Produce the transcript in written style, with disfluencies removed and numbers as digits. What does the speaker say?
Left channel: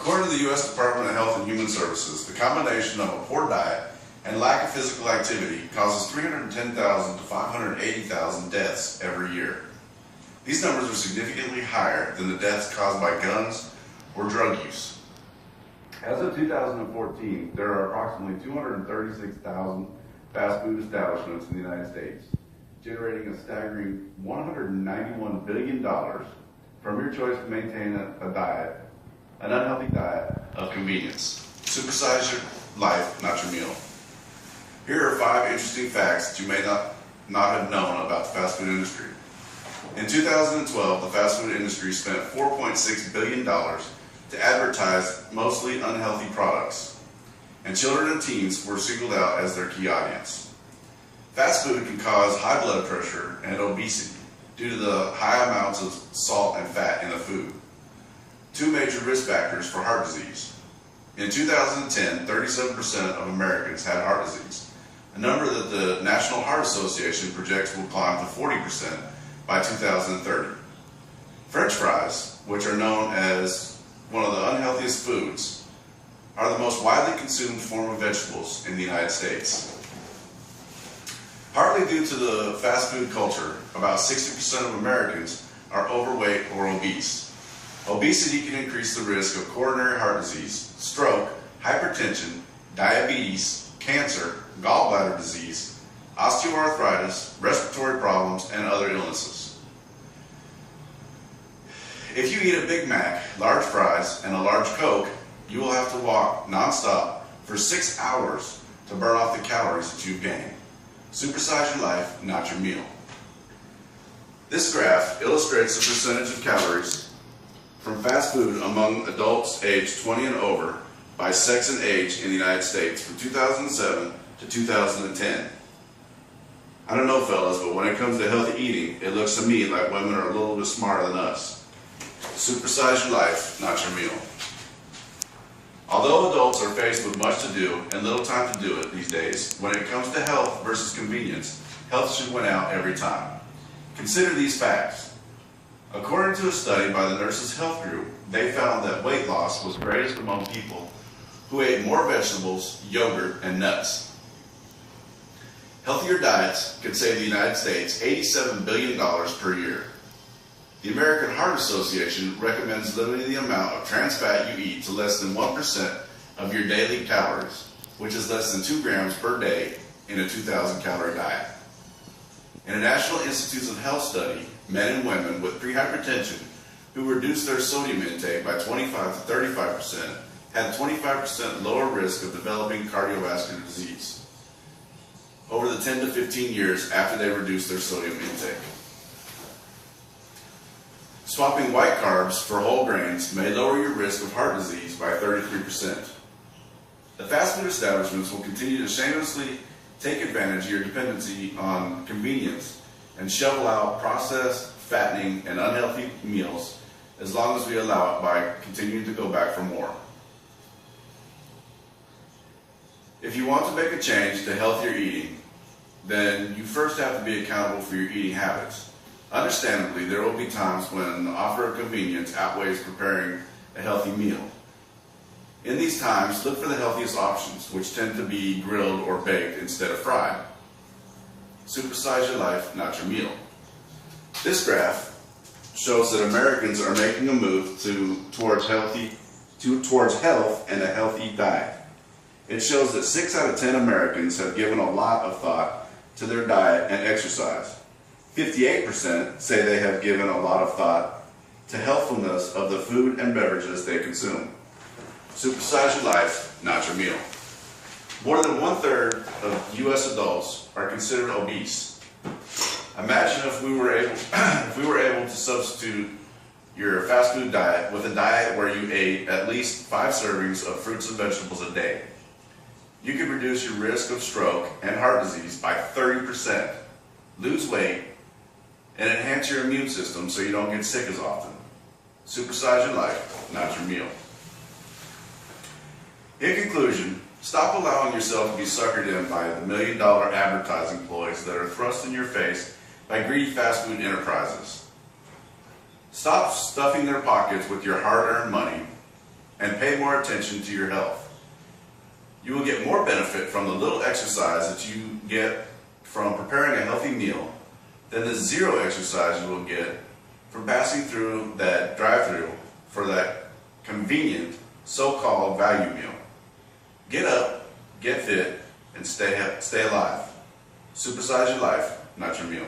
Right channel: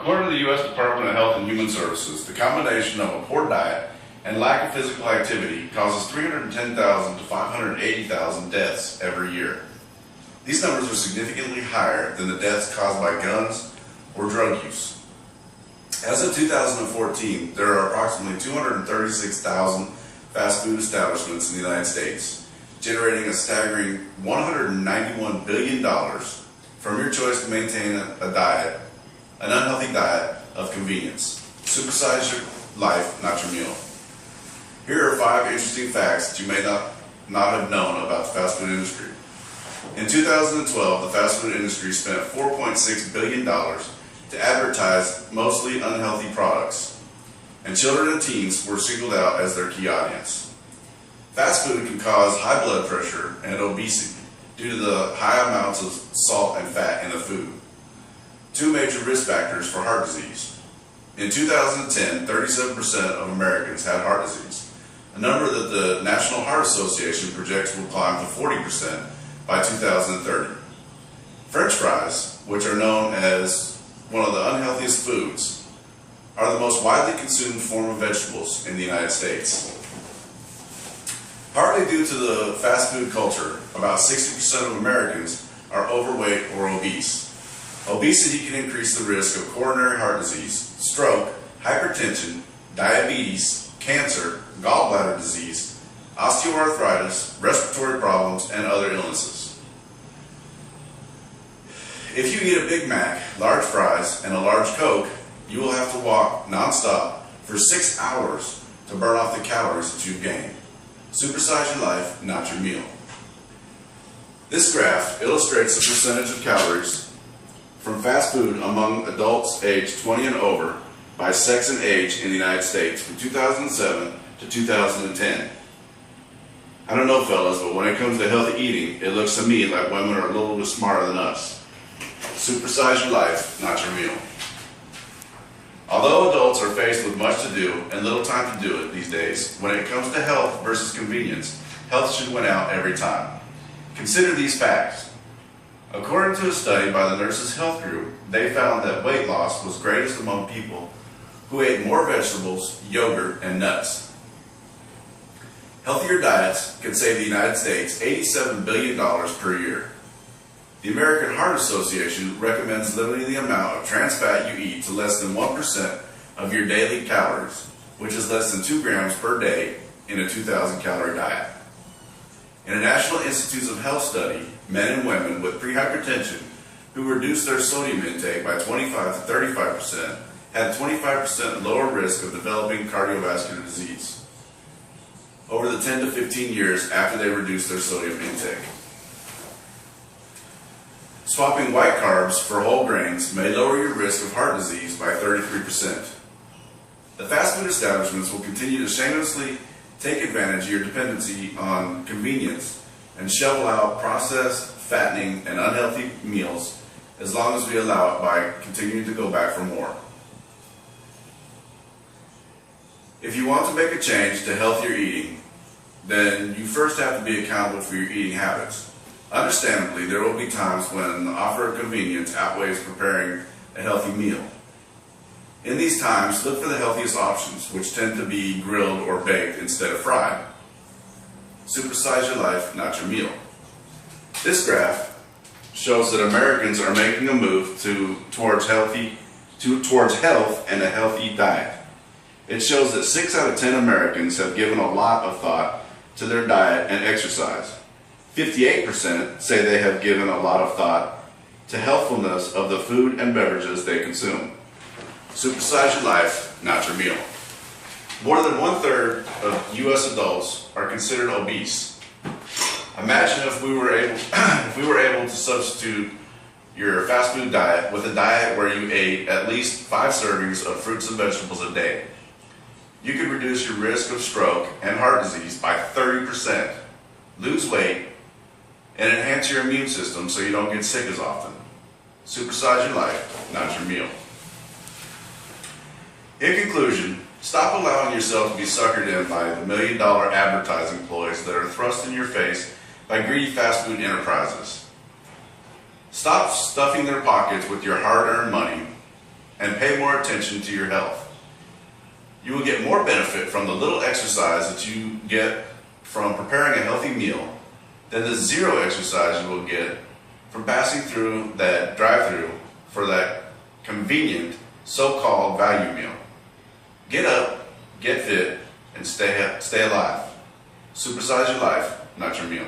According to the U.S. Department of Health and Human Services, the combination of a poor diet and lack of physical activity causes 310,000 to 580,000 deaths every year. These numbers are significantly higher than the deaths caused by guns or drug use. As of 2014, there are approximately 236,000 fast food establishments in the United States, generating a staggering $191 billion from your choice to maintain a diet, an unhealthy diet of convenience. Supersize your life, not your meal. Here are 5 interesting facts that you may not have known about the fast food industry. In 2012, the fast food industry spent $4.6 billion to advertise mostly unhealthy products, and children and teens were singled out as their key audience. Fast food can cause high blood pressure and obesity due to the high amounts of salt and fat in the food. 2 major risk factors for heart disease. In 2010, 37% of Americans had heart disease, a number that the National Heart Association projects will climb to 40% by 2030. French fries, which are known as one of the unhealthiest foods, are the most widely consumed form of vegetables in the United States. Partly due to the fast food culture, about 60% of Americans are overweight or obese. Obesity can increase the risk of coronary heart disease, stroke, hypertension, diabetes, cancer, gallbladder disease, osteoarthritis, respiratory problems, and other illnesses. If you eat a Big Mac, large fries, and a large Coke, you will have to walk nonstop for 6 hours to burn off the calories that you've gained. Supersize your life, not your meal. This graph illustrates the percentage of calories from fast food among adults aged 20 and over by sex and age in the United States from 2007 to 2010. I don't know, fellas, but when it comes to healthy eating, it looks to me like women are a little bit smarter than us. Supersize your life, not your meal. Although adults are faced with much to do and little time to do it these days, when it comes to health versus convenience, health should win out every time. Consider these facts. According to a study by the Nurses Health Group, they found that weight loss was greatest among people who ate more vegetables, yogurt, and nuts. Healthier diets could save the United States $87 billion per year. The American Heart Association recommends limiting the amount of trans fat you eat to less than 1% of your daily calories, which is less than 2 grams per day in a 2,000 calorie diet. In a National Institutes of Health study, men and women with prehypertension who reduced their sodium intake by 25 to 35% had 25% lower risk of developing cardiovascular disease over the 10 to 15 years after they reduced their sodium intake. Swapping white carbs for whole grains may lower your risk of heart disease by 33%. The fast food establishments will continue to shamelessly take advantage of your dependency on convenience and shovel out processed, fattening, and unhealthy meals as long as we allow it by continuing to go back for more. If you want to make a change to healthier eating, then you first have to be accountable for your eating habits. Understandably, there will be times when the offer of convenience outweighs preparing a healthy meal. In these times, look for the healthiest options, which tend to be grilled or baked instead of fried. Supersize your life, not your meal. This graph shows that Americans are making a move towards health and a healthy diet. It shows that 6 out of 10 Americans have given a lot of thought to their diet and exercise. 58% say they have given a lot of thought to healthfulness of the food and beverages they consume. Supersize your life, not your meal. More than 1/3 of U.S. adults are considered obese. Imagine if we were able to substitute your fast food diet with a diet where you ate at least 5 servings of fruits and vegetables a day. You could reduce your risk of stroke and heart disease by 30%, lose weight, and enhance your immune system so you don't get sick as often. Supersize your life, not your meal. In conclusion, stop allowing yourself to be suckered in by the $1 million advertising ploys that are thrust in your face by greedy fast food enterprises. Stop stuffing their pockets with your hard-earned money and pay more attention to your health. You will get more benefit from the little exercise that you get from preparing a healthy meal than the zero exercise you will get from passing through that drive-through for that convenient so-called value meal. Get up, get fit, and stay alive. Supersize your life, not your meal.